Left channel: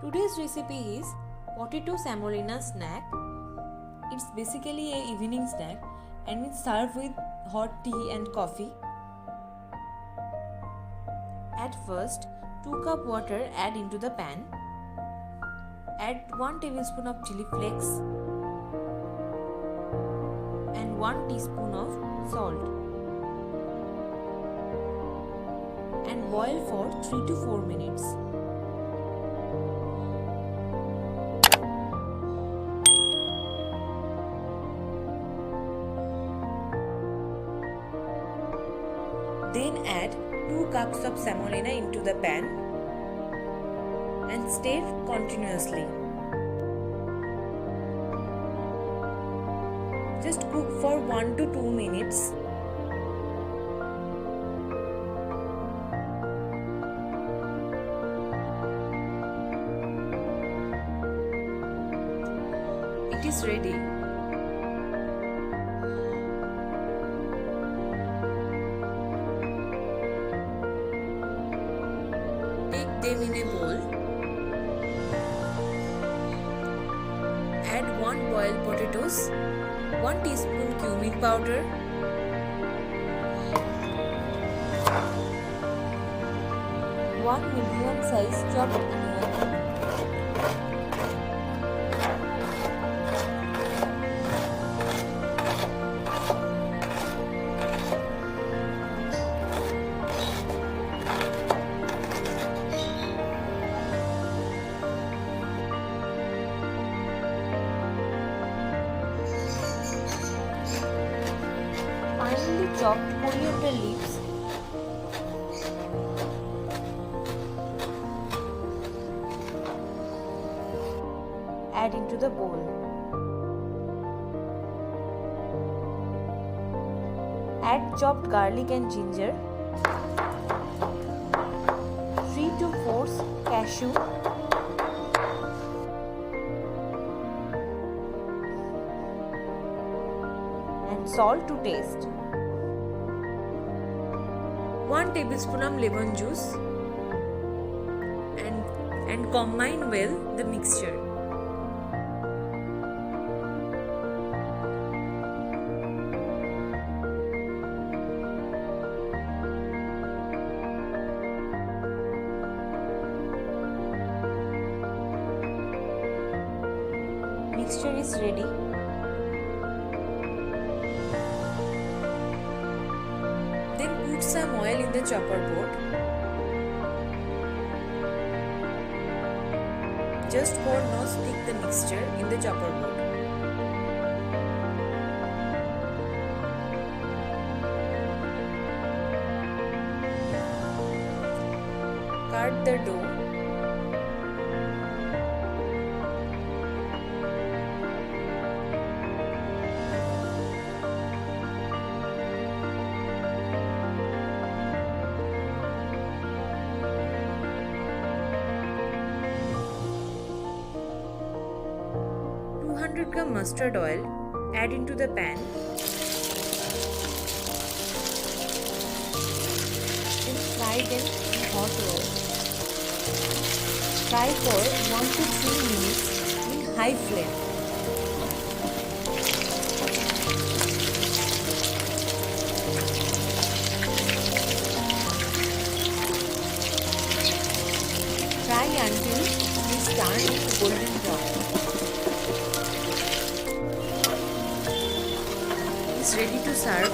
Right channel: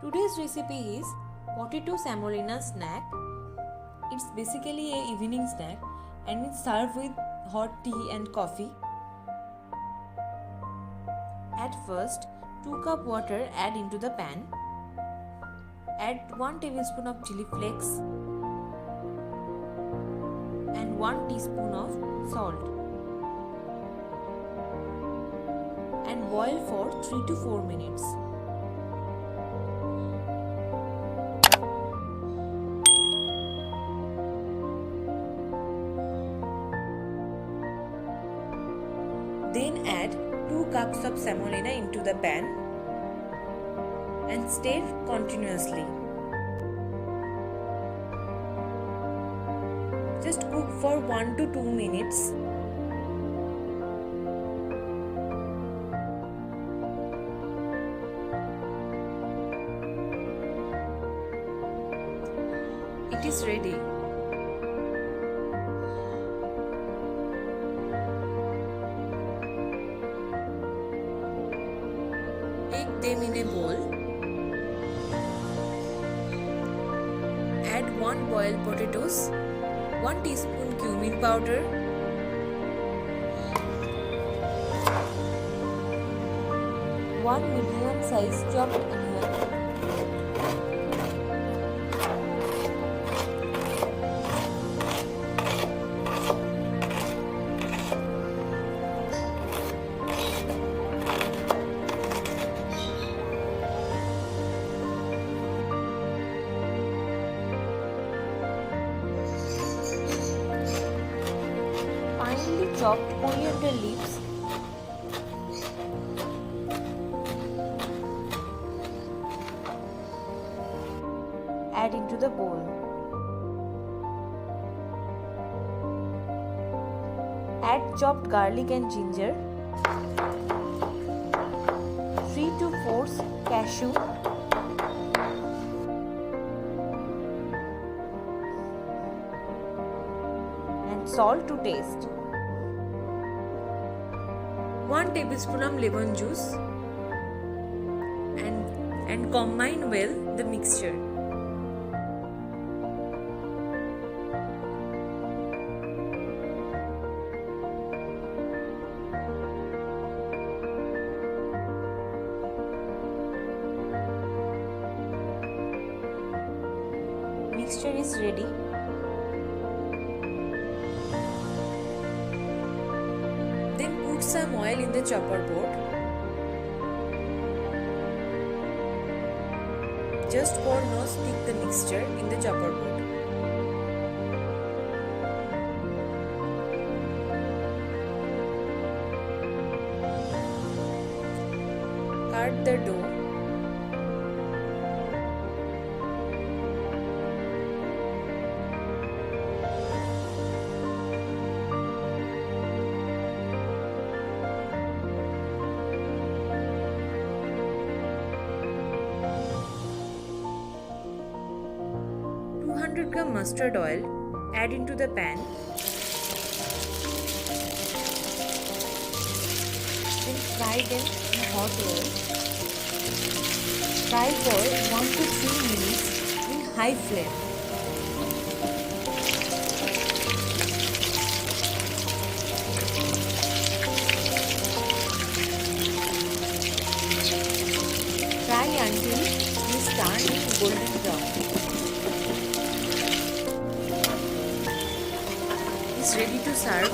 Today's recipe is potato semolina snack. It's basically a evening snack and it's served with hot tea and coffee. At first, 2 cup water add into the pan. Add 1 tablespoon of chili flakes and 1 teaspoon of salt and boil for 3 to 4 minutes. Then add 2 cups of semolina into the pan and stir continuously. Just cook for 1 to 2 minutes. It is ready. Take them in a bowl. Add 1 boiled potatoes, 1 teaspoon cumin powder, 1 medium size chopped onion, finely chopped coriander leaves, add into the bowl. Add chopped garlic and ginger, 3 to 4 cashew, and salt to taste. 1 tablespoon of lemon juice and combine well the mixture. Mixture is ready. Then put some oil in the chopper board. Just for no stick the mixture in the chopper board. Cut the dough. Gram mustard oil, add into the pan. Then fry them in hot oil. Fry for 1 to 3 minutes in high flame. Fry until these turn golden brown. Is ready to serve.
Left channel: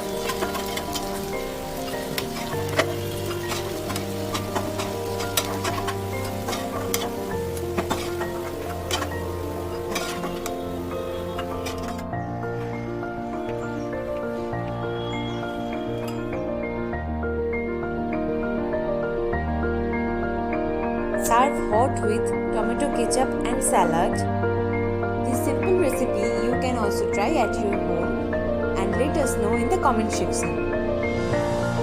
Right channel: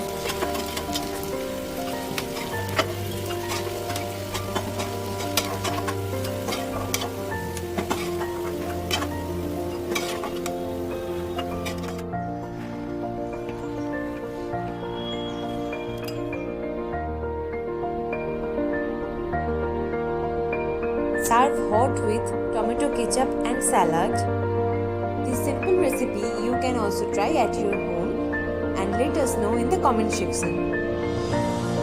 Serve hot with tomato ketchup and salad. This simple recipe you can also try at your home and let us know in the comment section.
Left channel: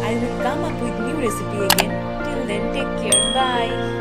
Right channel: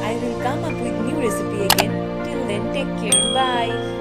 I will come up with new recipe again. Till then, take care. Bye.